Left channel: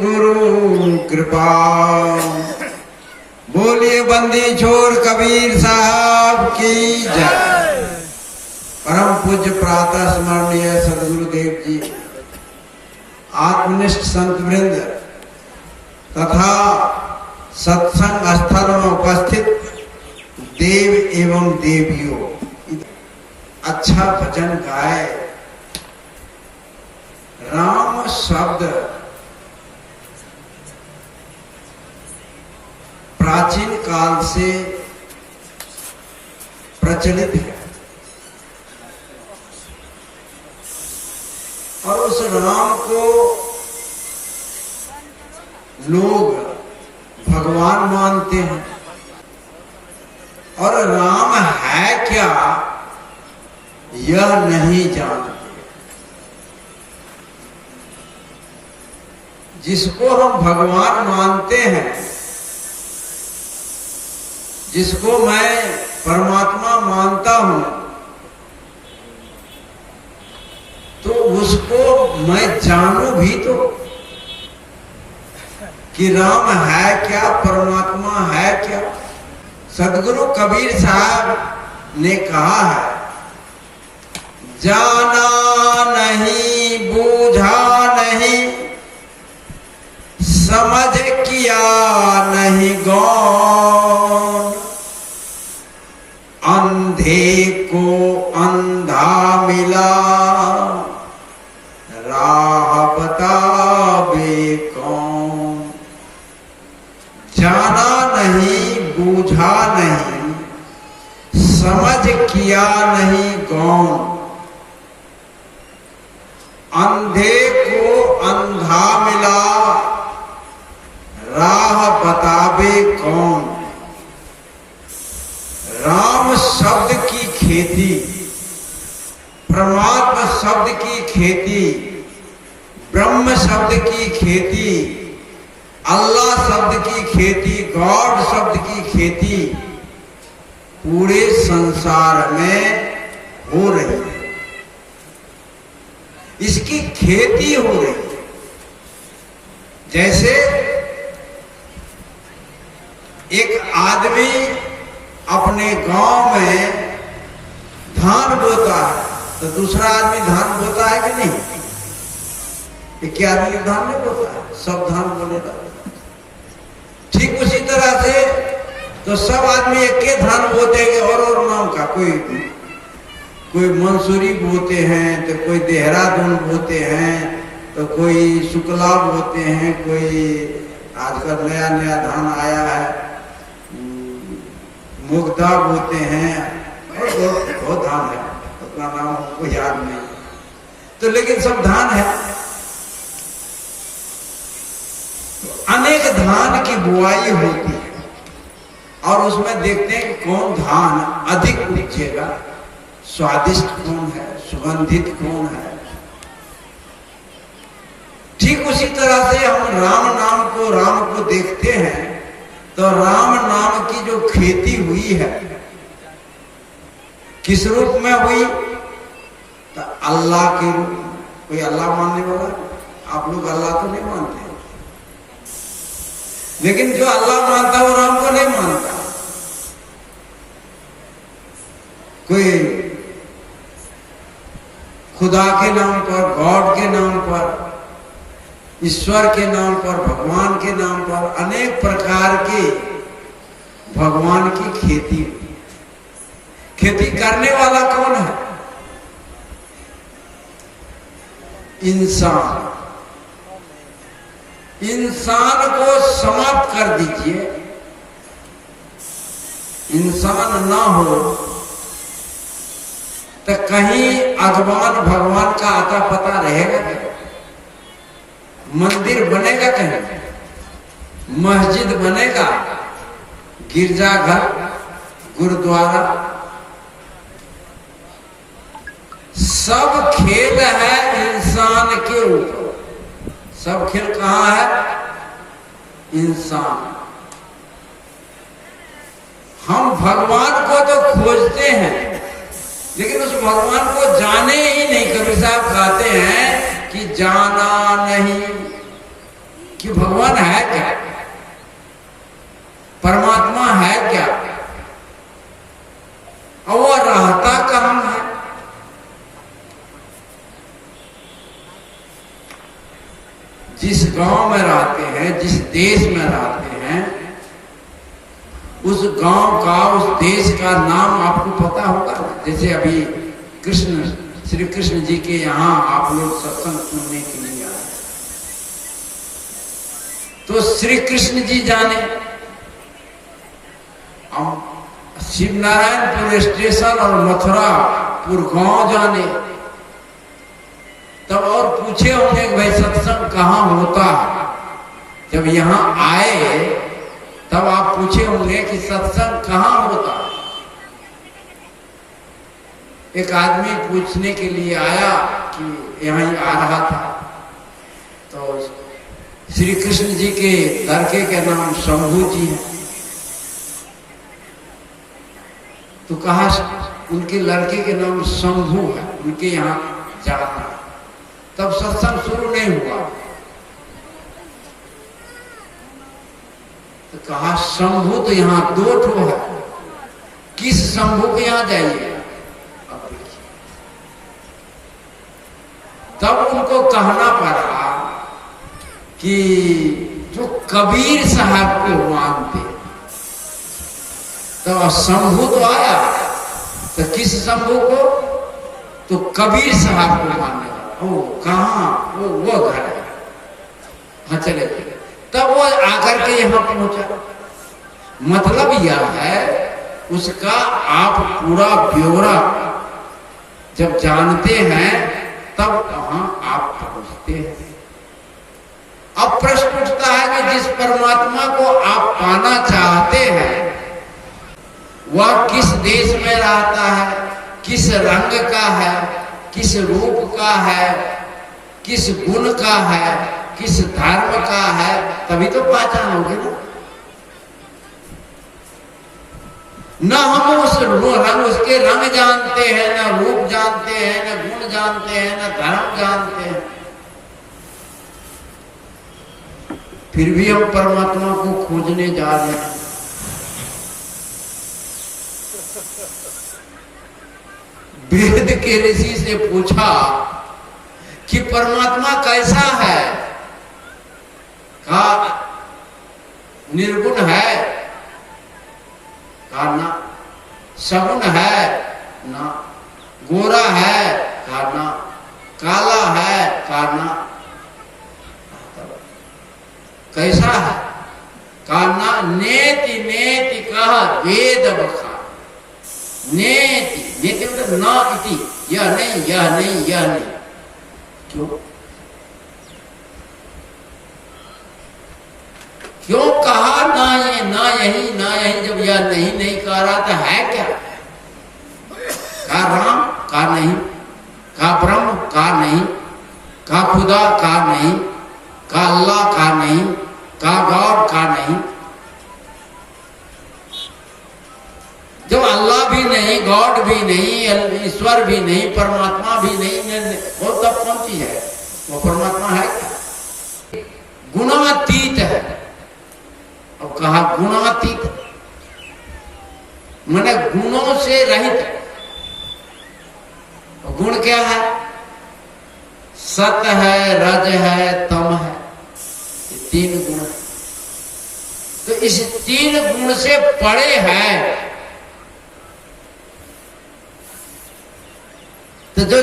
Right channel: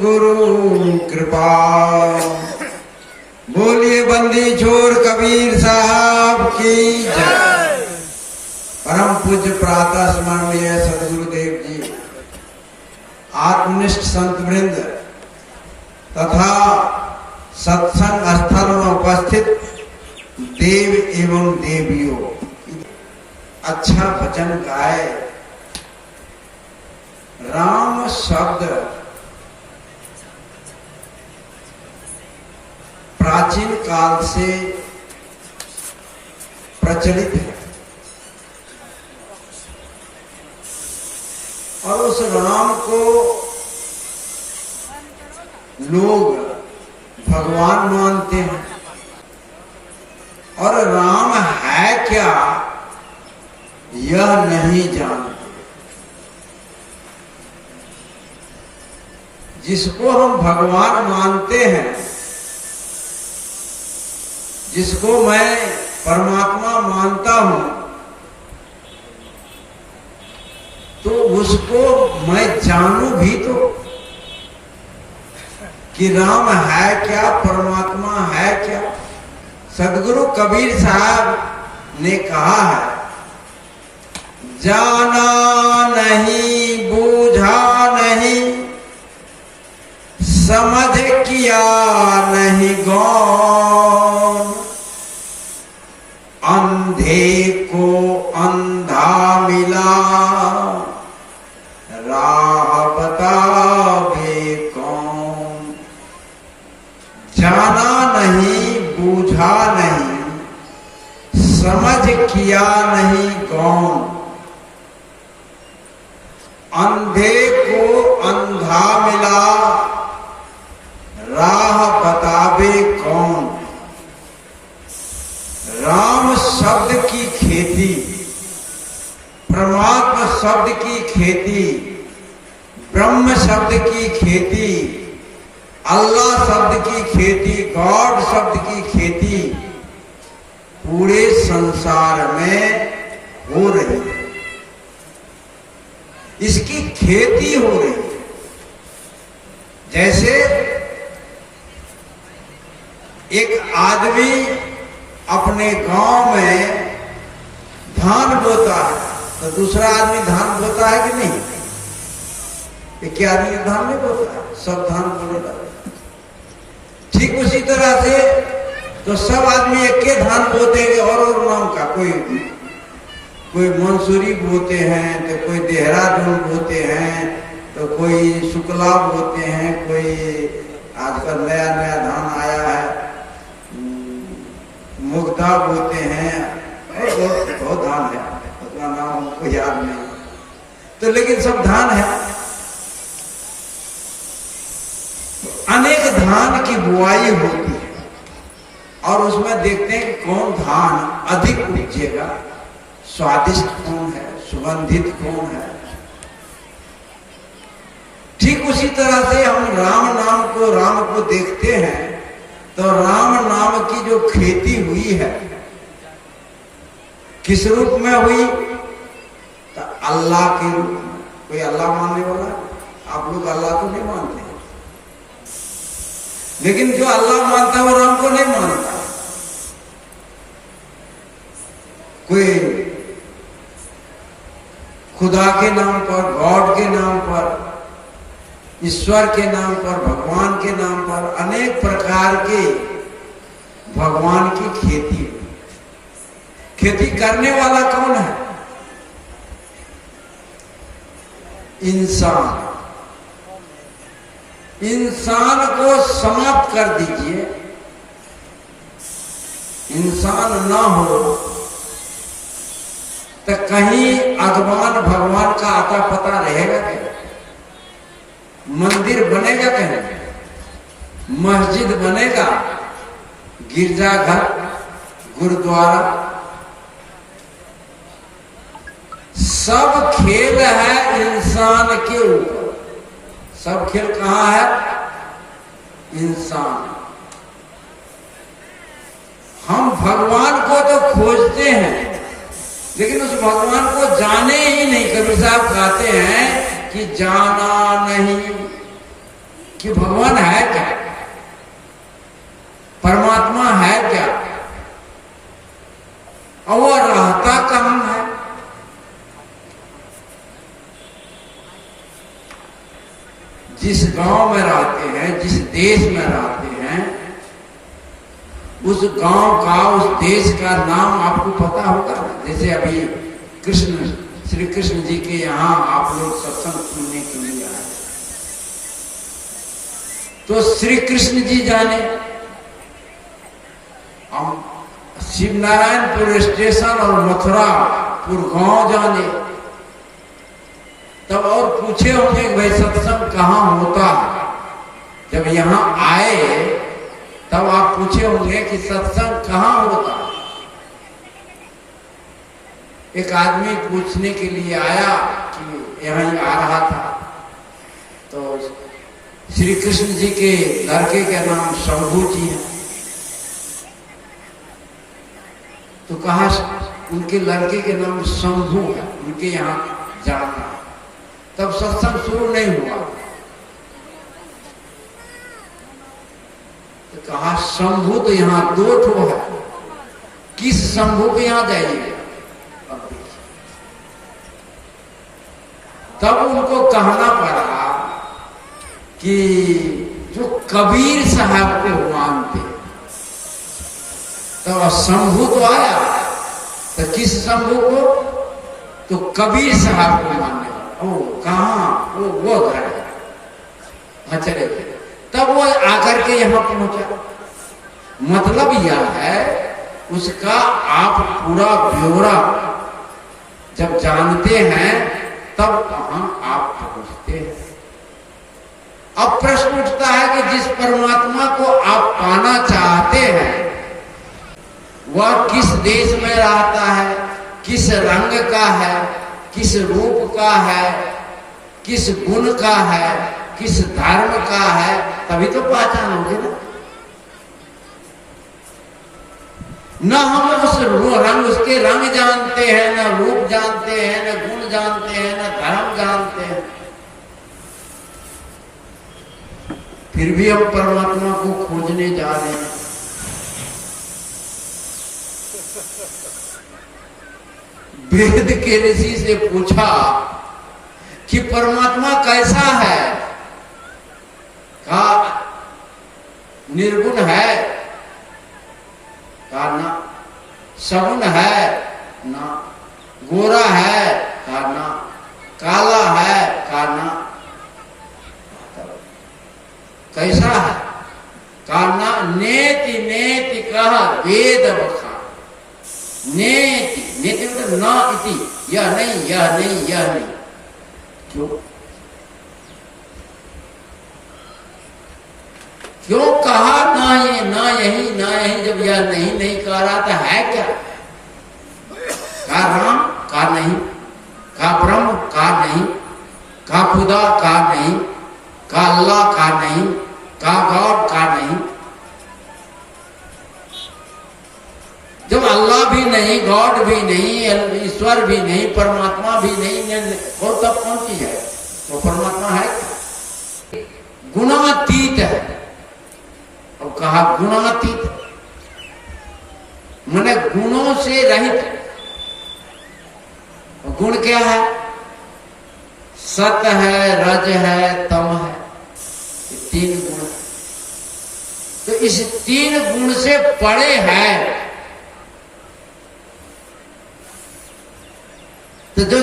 गुरु कृपा। बोलिए बंदी छोड़ कबीर साहब की जय। परम पूज्य प्रातः स्मरणीय सदगुरुदेव जी, आत्मनिष्ठ संत वृंद तथा सत्संग स्थल में उपस्थित देव एवं देवियों, अच्छा भजन गाए। राम शब्द प्राचीन काल से प्रचलित है और उस राम को लोग भगवान मानते हैं। और राम है क्या यह नहीं जानते। जिसको हम भगवान मानते हैं, जिसको मैं परमात्मा मानता हूं, तो उसको मैं जानूं भी तो कि राम है क्या, परमात्मा है क्या। सदगुरु कबीर साहब ने कहा है, जाना नहीं बूझा नहीं, समझ किया नहीं गौर, अंधे को अंधा मिला, राह बतावे कौन। जाना नहीं बूझा नहीं, समझ किया नहीं गौर, अंधे को अंधा मिला, राह बतावे कौन। राम शब्द की खेती, परमात्मा शब्द की खेती, ब्रह्म शब्द की खेती, अल्लाह शब्द की खेती, गॉड शब्द की खेती पूरे संसार में हो रही है। इसकी खेती हो रही है। जैसे एक आदमी अपने गांव में धान बोता है तो दूसरा आदमी धान बोता है कि नहीं? एक आदमी धान नहीं बोता, सब धान बोलेगा। ठीक उसी तरह से तो सब आदमी एक के धान बोते हैं और नाम का, कोई मंसूरी बोते हैं, तो कोई देहरादून बोते हैं, तो कोई शुक्ला बोते हैं, कोई आजकल नया नया धान आया है मुग्धा बोते हैं। बहुत धान है, उतना नाम हमको याद नहीं, तो लेकिन सब धान है। अनेक धान की बुआई होती है और उसमें देखते हैं कि कौन धान अधिक उपजेगा, स्वादिष्ट कौन है, सुगंधित कौन है। ठीक उसी तरह से हम राम को देखते हैं तो राम नाम की जो खेती हुई है किस रूप में हुई? तो अल्लाह के रूप में। कोई अल्लाह मानने वाला? आप लोग अल्लाह तो नहीं मानते, लेकिन जो अल्लाह मानता है वो राम को नहीं मानता। कोई खुदा के नाम पर, गॉड के नाम पर, ईश्वर के नाम पर, भगवान के नाम पर अनेक प्रकार के भगवान की खेती। खेती करने वाला कौन है? इंसान। इंसान को समाप्त कर दीजिए, इंसान ना हो तो कहीं अगवान भगवान का आता पता रहेगा क्या? मंदिर बनेगा कहीं? मस्जिद बनेगा, गिरजाघर, गुरुद्वारा, सब खेल है इंसान के ऊपर। सब खेल कहाँ है? इंसान। हम भगवान को तो खोजते हैं लेकिन उस भगवान को जाने ही नहीं। कबीर साहब कहते हैं कि जाना नहीं कि भगवान है क्या, परमात्मा है क्या, और वो रहता कहाँ है। जिस गांव में रहते हैं, जिस देश में रहते हैं, उस गांव का, उस देश का नाम आपको पता होगा। जैसे अभी श्री कृष्ण जी के यहाँ आप लोग सत्संग सुनने के लिए आए, तो श्री कृष्ण जी जाने, हम शिव नारायणपुर स्टेशन और मथुरापुर गांव जाने, तब और पूछे होंगे भाई सत्संग कहाँ होता है। जब यहाँ आए तब आप पूछे होंगे कि सत्संग कहाँ होता। एक आदमी पूछने के लिए आया कि यहाँ ही आ रहा था, तो श्री कृष्ण जी के लड़के के नाम शंभू जी है, तो कहा उनके लड़के के नाम शंभू है, उनके यहाँ जाना। तब सत्संग शुरू नहीं हुआ, तो कहा शंभू तो यहाँ 2 ठो है, किस शंभू के यहाँ जाइए। तब उनको कहना पड़ा कि जो कबीर साहब को मानते, तो शंभू तो आया, तो किस शंभू को, तो कबीर साहब को मानने वाला। ओ कहाँ, वो घर है, हाँ चले। तब वो आकर के यहाँ पहुंचा। मतलब यह है उसका आप पूरा ब्यौरा जब जानते हैं तब वहां आप पहुंचते हैं। अब प्रश्न उठता है कि जिस परमात्मा को आप पाना चाहते हैं वह किस देश में रहता है, किस रंग का है, किस रूप का है, किस गुण का है, किस धर्म का है, तभी तो पहचान होगी ना। न हम उसके रंग जानते हैं, न रूप जानते हैं, न गुण जानते हैं, न धर्म जानते हैं, फिर भी हम परमात्मा को खोजने जा रहे हैं। वेद के ऋषि से पूछा कि परमात्मा कैसा है, कहा निर्गुण है, कहा ना, सगुण है ना, गोरा है, कहा ना, काला है, कहा ना, कैसा है, कहा ना, नेति नेति कहा वेद बखा। नेति नेति मतलब न इति, यह नहीं, यह नहीं, यह नहीं। क्यों क्यों कहा ना ये, ना यही, ना यही, जब यह नहीं नहीं कह रहा था है क्या। कहा राम, कहा नहीं, कहा ब्रह्म, कहा नहीं, कहा खुदा, कहा नहीं, कहा अल्लाह, कहा नहीं, कहा गॉड, कहा नहीं। जब अल्लाह भी नहीं, गॉड भी नहीं, ईश्वर भी नहीं, परमात्मा भी नहीं, वो तब कौन चीज है, वो परमात्मा है क्या। गुणातीत है, और कहा गुणातीत माने गुणों से रहित। गुण क्या है, सत है, रज है, तम है, 3 गुण। तो इस 3 गुण से परे है। तो जो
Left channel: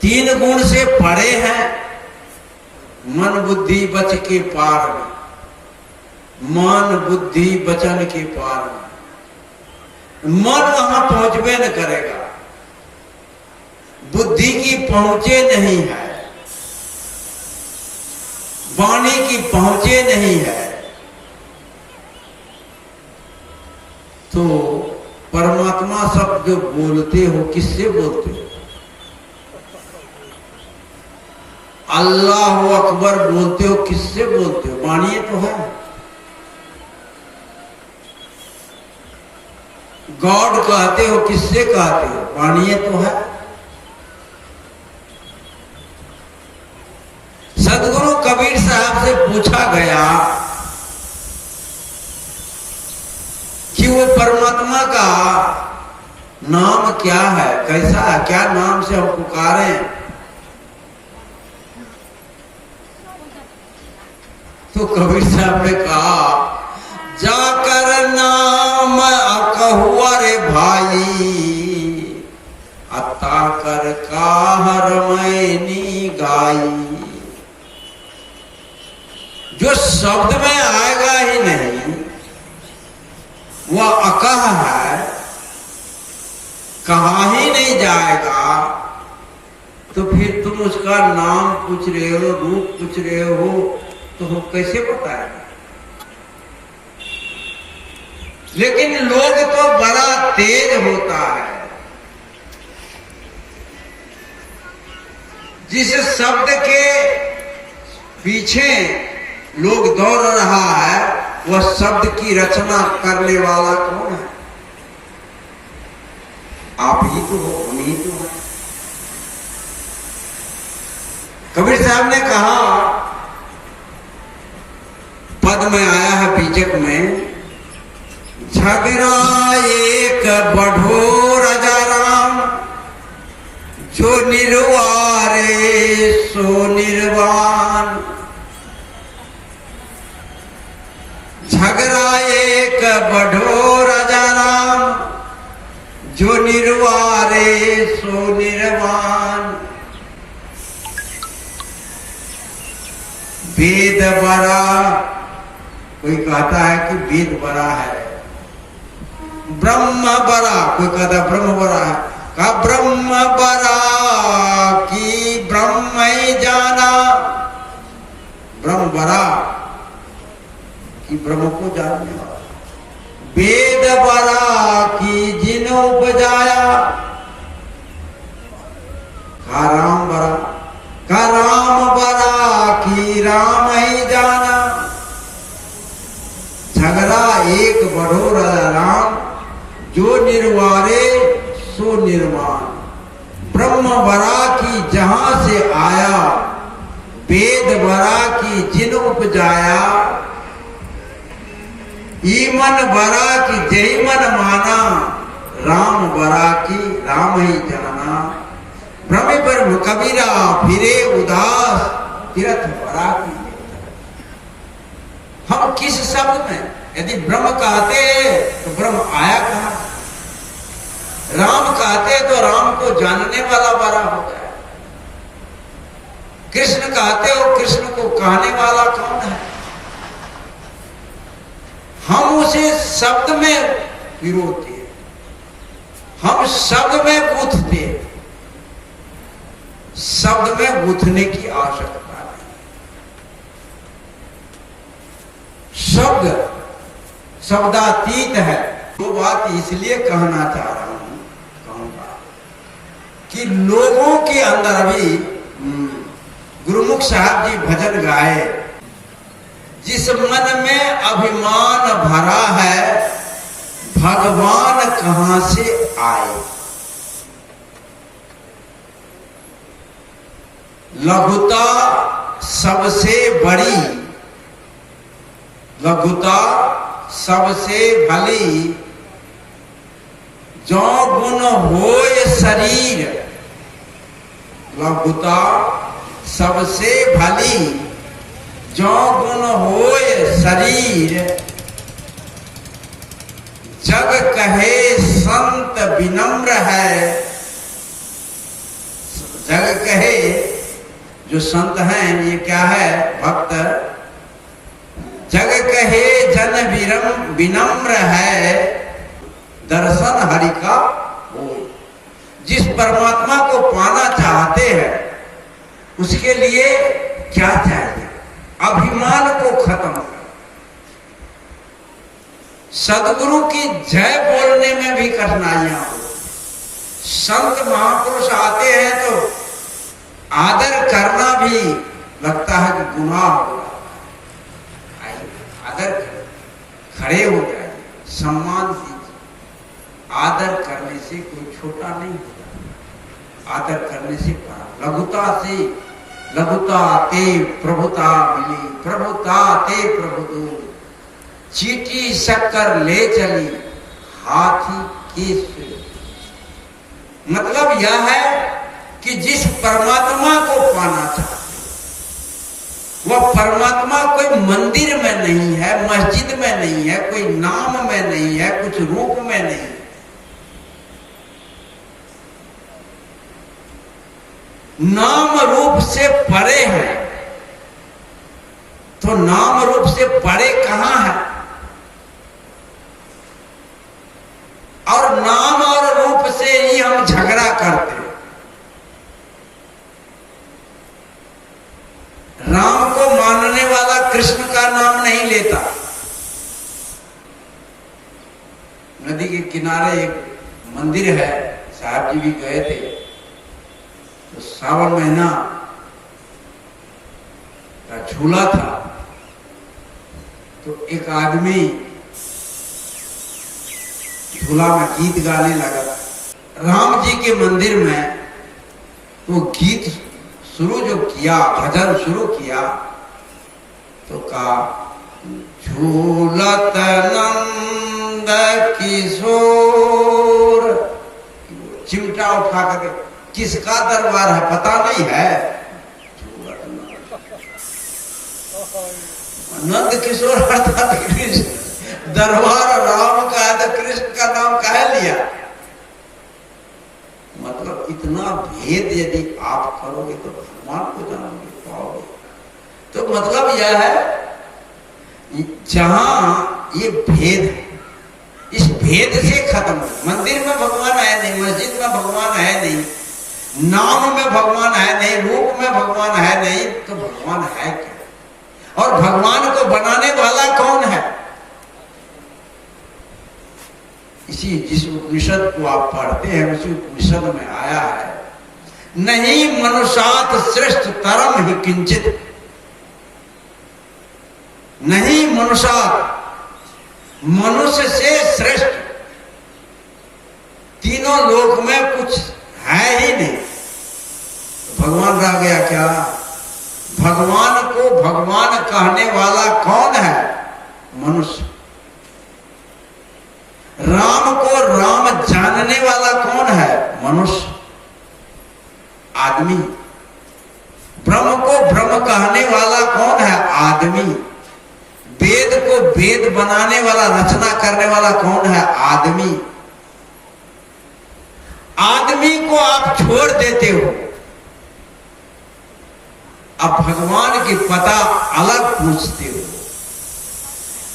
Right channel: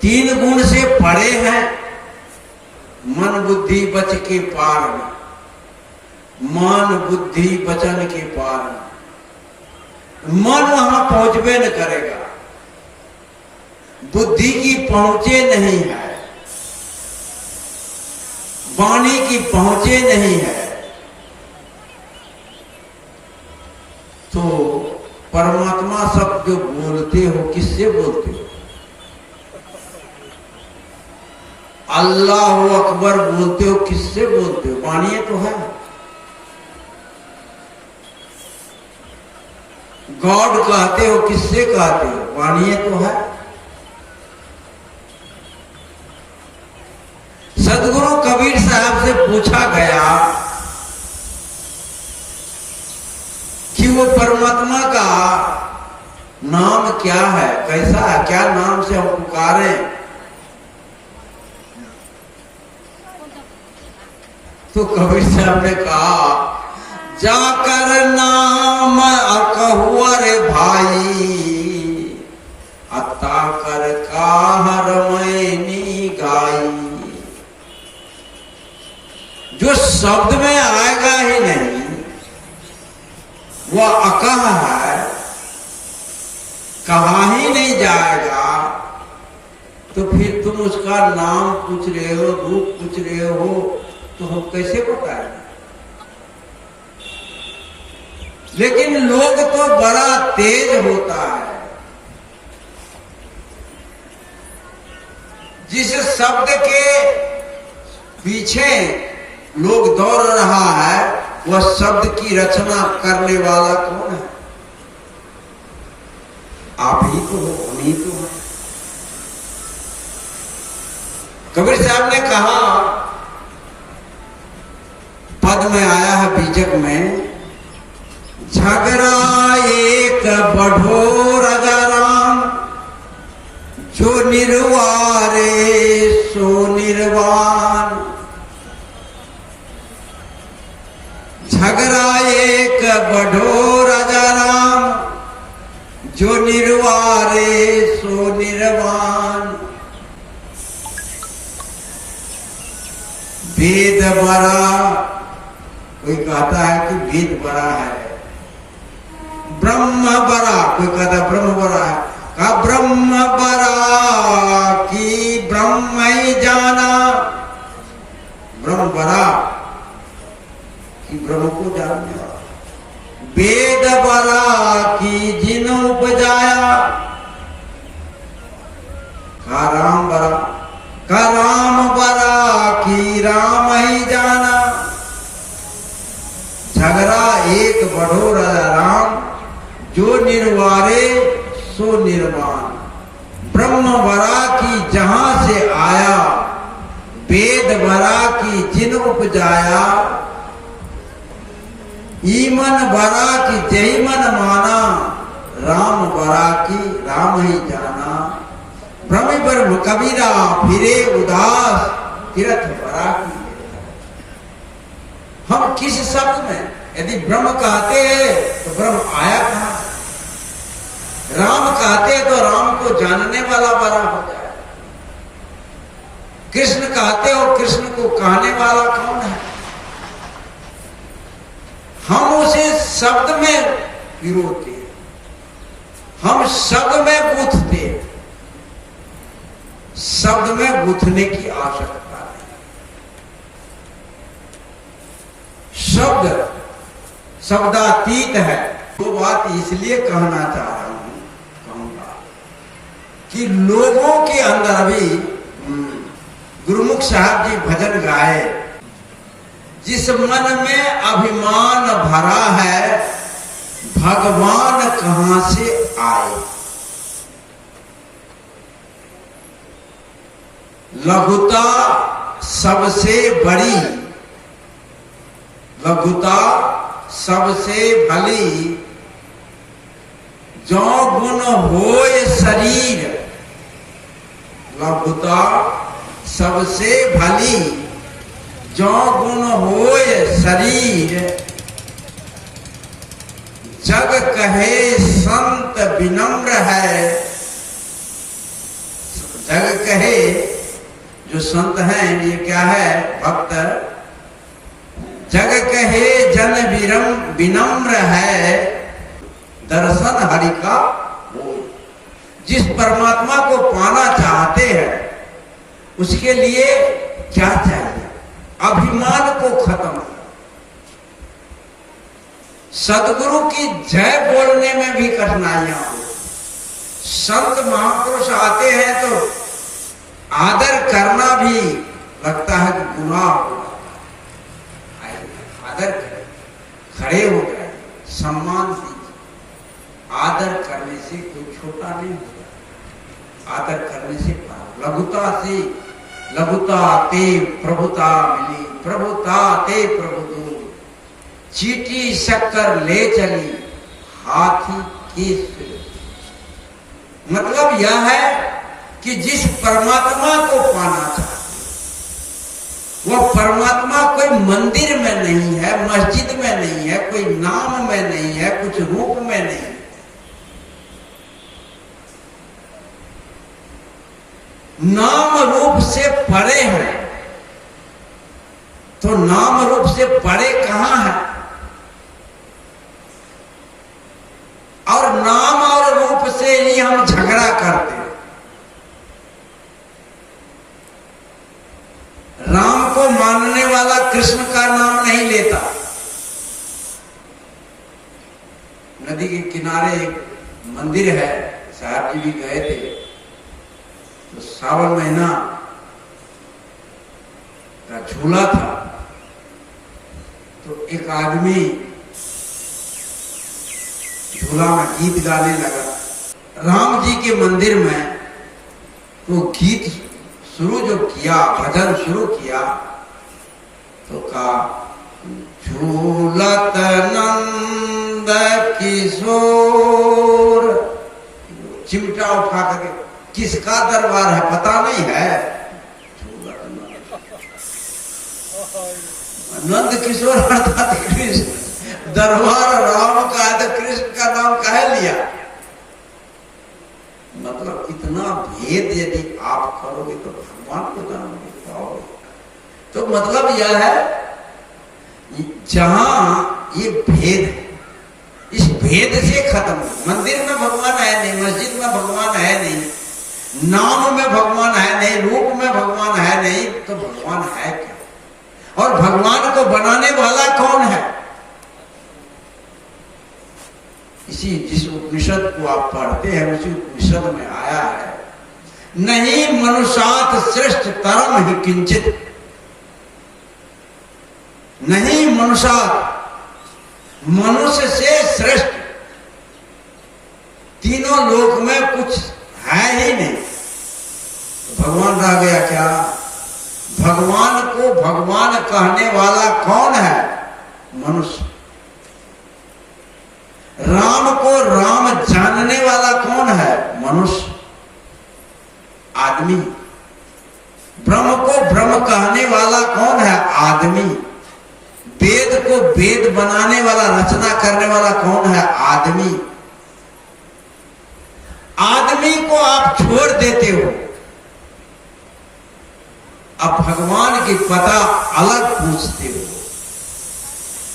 3 गुण से परे हैं, मन बुद्धि बच के पार में, मन बुद्धि वचन के पार में। मन वहां पहुंचबे न करेगा, बुद्धि की पहुंचे नहीं है, वाणी की पहुंचे नहीं है, तो परमात्मा शब्द जो बोलते हो किससे बोलते हो। अल्लाह अकबर बोलते हो किससे बोलते हो, वाणी तो है। गॉड कहते हो किससे कहते हो, वाणी तो है। सदगुरु कबीर साहब से पूछा गया कि वो परमात्मा का नाम क्या है, कैसा है, क्या नाम से हम पुकारें, तो कबीर साहब ने कहा, जाकर नाम अकहुआ रे भाई, अता कर कहर मैनी गाई। जो शब्द में आएगा ही नहीं, वह अकह है, कहा ही नहीं जाएगा, तो फिर तुम उसका नाम पूछ रहे हो, रूप पूछ रहे हो, तो हम कैसे बताएंगे। लेकिन लोग तो बड़ा तेज होता है, जिस शब्द के पीछे लोग दौड़ रहा है, वह शब्द की रचना करने वाला कौन है? आप ही तो हो, हम ही तो हो। कबीर साहब ने कहा, पद में आया है बीजक में, झगड़ा एक बढ़ो राजा राम, जो निर्वारे सो निर्वाण। झगड़ा एक बढ़ो राजा राम, जो निर्वारे सो निर्वाण। वेद बड़ा, कोई कहता है कि वेद बड़ा है, ब्रह्म बड़ा, कोई कहता है ब्रह्म बड़ा है। का ब्रह्म बड़ा कि ब्रह्म ही जाना, ब्रह्म बड़ा कि ब्रह्म को जानने वाला। वेद बड़ा कि जिन उपजाया, का राम बड़ा, का राम बड़ा कि राम ही जाना। झगड़ा एक बढ़ो राम, जो निर्वारे सो निर्वाण। ब्रह्म बड़ा की जहां से आया, वेद बड़ा की जिन उपजाया। ईमन बड़ा की जय मन माना, राम बड़ा की राम ही जाना। भ्रम पर कबीरा फिरे उदास, तीर्थ बड़ा की। हम किस शब्द में, यदि ब्रह्म कहते तो ब्रह्म आया कहां? राम कहते तो राम को जानने वाला बड़ा हो जाए। कृष्ण कहते हो, कृष्ण को कहने वाला कौन है? हम उसे शब्द में पिरोते, हम शब्द में गूंथते, शब्द में गूंथने की आवश्यकता है। शब्द शब्दातीत है। दो बात इसलिए कहना चाह रहा हूं, कहूंगा कि लोगों के अंदर भी गुरुमुख साहब जी भजन गाए, जिस मन में अभिमान भरा है, भगवान कहां से आए। लघुता सबसे बड़ी, लघुता सबसे भली। जो गुण होय शरीर, लघुता सबसे भली। जो गुण होय शरीर, जग कहे संत विनम्र है। जग कहे, जो संत हैं ये क्या है? भक्त। जग कहे जन विनम्र है, दर्शन हरि का हो। जिस परमात्मा को पाना चाहते हैं, उसके लिए क्या चाहिए? अभिमान को खत्म कर। सदगुरु की जय बोलने में भी कठिनाइयां हो। संत महापुरुष आते हैं तो आदर करना भी लगता है कि गुनाह हो। आदर करें, खड़े हो जाए, सम्मान दीजिए। आदर करने से कोई छोटा नहीं होता, आदर करने से बड़ा। लघुता से लघुता ते प्रभुता मिली, प्रभुता ते प्रभु चीटी शक्कर ले चली हाथी की सुई। मतलब यह है कि जिस परमात्मा को पाना चाहते, वह परमात्मा कोई मंदिर में नहीं है, मस्जिद में नहीं है, कोई नाम में नहीं है, कुछ रूप में नहीं है। नाम रूप से परे है। तो नाम रूप से परे कहां है? और नाम और रूप से ही हम झगड़ा करते हैं। राम को मानने वाला कृष्ण का नाम नहीं लेता। नदी के किनारे एक मंदिर है, साहब जी भी गए थे। तो सावन महीना का झूला था, तो एक आदमी झूला में गीत गाने लगा। राम जी के मंदिर में वो गीत शुरू जो किया, भजन शुरू किया, तो कहा झूलत नंद किशोर। चिमटा उठा करके, किसका दरबार है पता नहीं है, नंद किशोर अर्थात कृष्ण। दरबार राम का है तो कृष्ण का नाम काहे लिया? मतलब इतना भेद यदि आप करोगे तो भगवान को जानोगे पाओगे। तो मतलब यह है जहां ये भेद है, इस भेद से खत्म है। मंदिर में भगवान है नहीं, मस्जिद में भगवान है नहीं, नाम में भगवान है नहीं, रूप में भगवान है नहीं, तो भगवान है क्या? और भगवान को बनाने वाला कौन है? इसी जिस उपनिषद को आप पढ़ते हैं उसी उपनिषद में आया है, नहीं मनुष्यात श्रेष्ठ तरम ही किंचित। नहीं मनुष्यात, मनुष्य से श्रेष्ठ तीनों लोक में कुछ है ही नहीं। तो भगवान रह गया क्या? भगवान को भगवान कहने वाला कौन है? मनुष्य। राम को राम जानने वाला कौन है? मनुष्य, आदमी। ब्रह्म को ब्रह्म कहने वाला कौन है? आदमी। वेद को वेद बनाने वाला, रचना करने वाला कौन है? आदमी। आदमी को आप छोड़ देते हो, अब भगवान की पता अलग पूछते हो।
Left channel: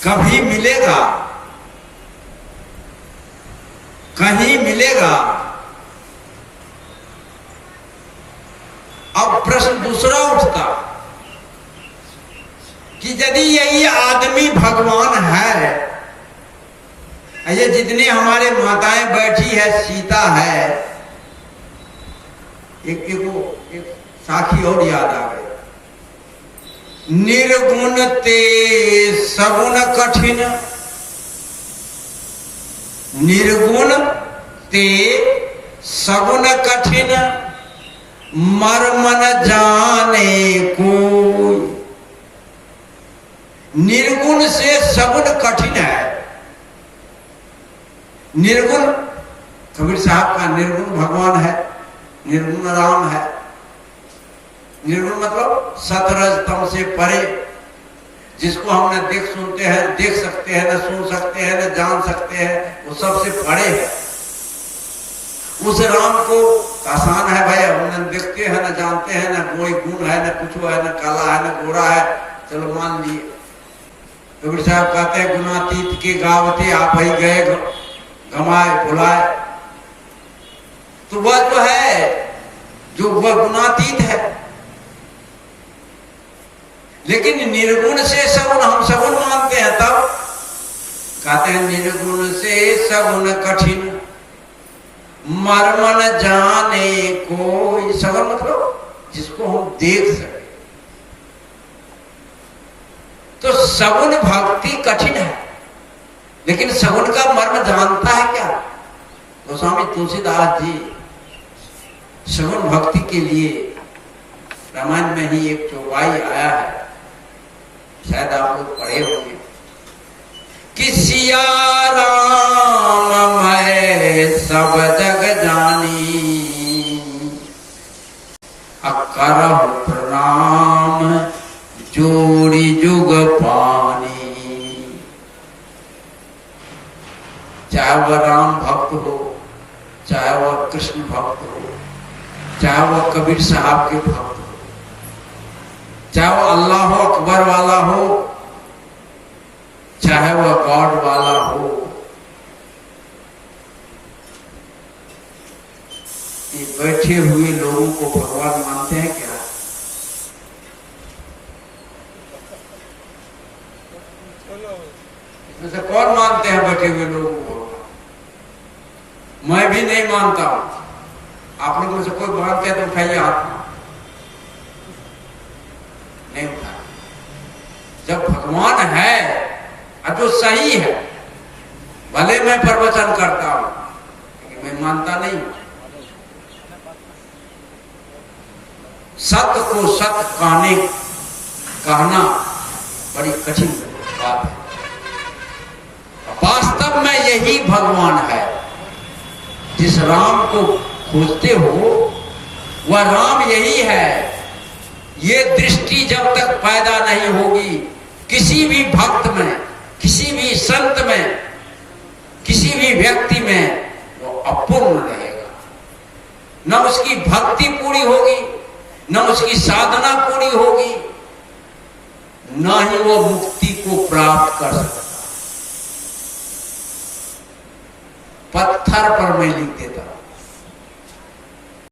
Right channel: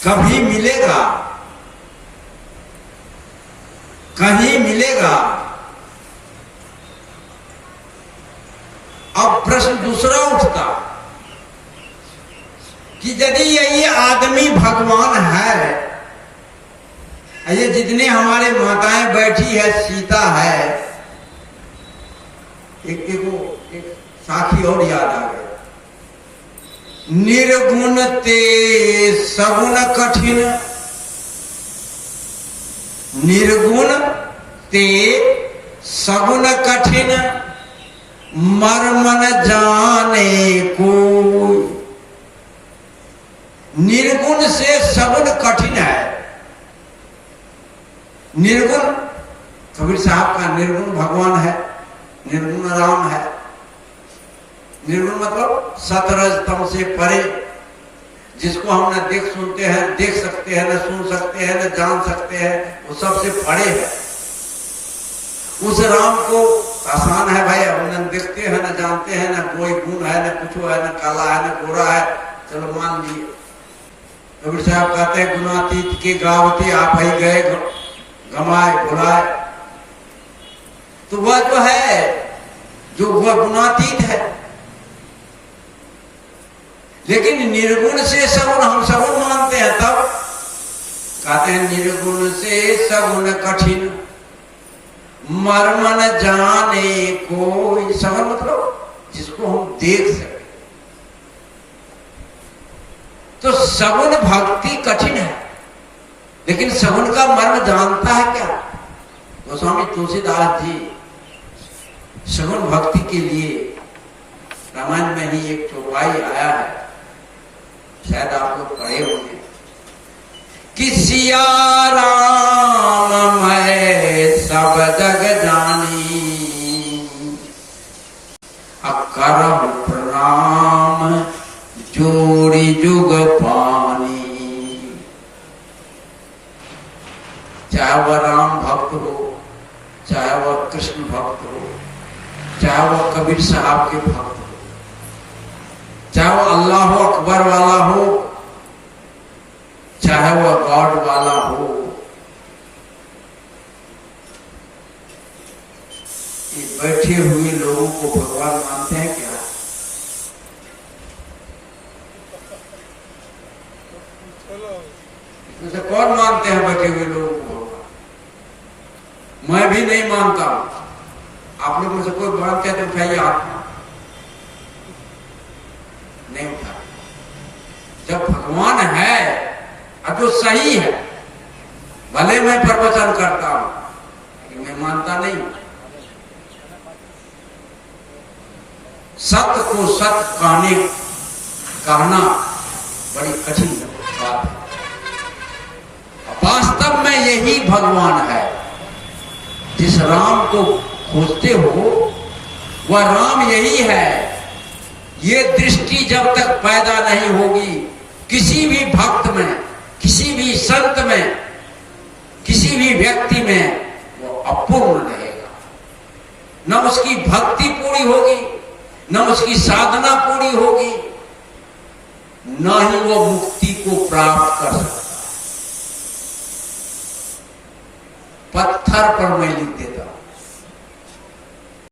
कभी मिलेगा, कहीं मिलेगा। अब प्रश्न दूसरा उठता कि यदि यही आदमी भगवान है, ये जितने हमारे माताएं बैठी है, सीता है, एक साखी और याद आ गई। निर्गुण ते सगुण कठिन, निर्गुण ते सगुण कठिन, मर्म न जाने कोई। निर्गुण से सगुण कठिन है। निर्गुण कबीर साहब का निर्गुण भगवान है, निर्गुण राम है। निर्गुण मतलब सतरज तम से परे, जिसको हम न देख सुनते हैं, देख सकते हैं, न सुन सकते हैं, न जान सकते हैं, वो सबसे परे है। उस राम को आसान है भाई, हम न देखते हैं, न जानते हैं, न कोई गुण है, न कुछ है, न काला है, न गोरा है, चलो मान लिए। कबीर साहब कहते हैं गुणातीत के गावते आप ही गए गमाए भुलाए। तो वह तो है जो वह गुणातीत है, लेकिन निर्गुण से सगुण हम सगुण मानते हैं। तब कहते हैं निर्गुण से सगुण कठिन, मर्म न जाने कोई। सगुण मतलब जिसको हम देख सके। तो सगुण भक्ति कठिन है, लेकिन सगुण का मर्म जानता है क्या? गोस्वामी तुलसीदास जी सगुण भक्ति के लिए रामायण में ही एक चौपाई आया है, शायद आप लोग पढ़े होंगे कि सिया राम मैं सब जग जानी, करहु प्रणाम जोड़ी जुग पानी। चाहे वह राम भक्त हो, चाहे वह कृष्ण भक्त हो, चाहे वह कबीर साहब के भक्त हो, चाहे वह अल्लाह अकबर वाला हो, चाहे वह गॉड वाला हो, ये बैठे हुए लोगों को भगवान मानते हैं क्या? इसमें से कौन मानते हैं बैठे हुए लोगों को? मैं भी नहीं मानता हूं। आप लोगों में से कोई मानते हैं तो उठाइए हाथ। नहीं उठा। जब भगवान है तो सही है, भले मैं प्रवचन करता हूं लेकिन मैं मानता नहीं। सत्य को सत्य कहना बड़ी कठिन बात है। वास्तव में यही भगवान है। जिस राम को खोजते हो वह राम यही है। ये दृष्टि जब तक पैदा नहीं होगी किसी भी भक्त में, किसी भी संत में, किसी भी व्यक्ति में, वो अपूर्ण रहेगा। न उसकी भक्ति पूरी होगी, न उसकी साधना पूरी होगी, न ही वो मुक्ति को प्राप्त कर सकता। पत्थर पर मैं लिख देता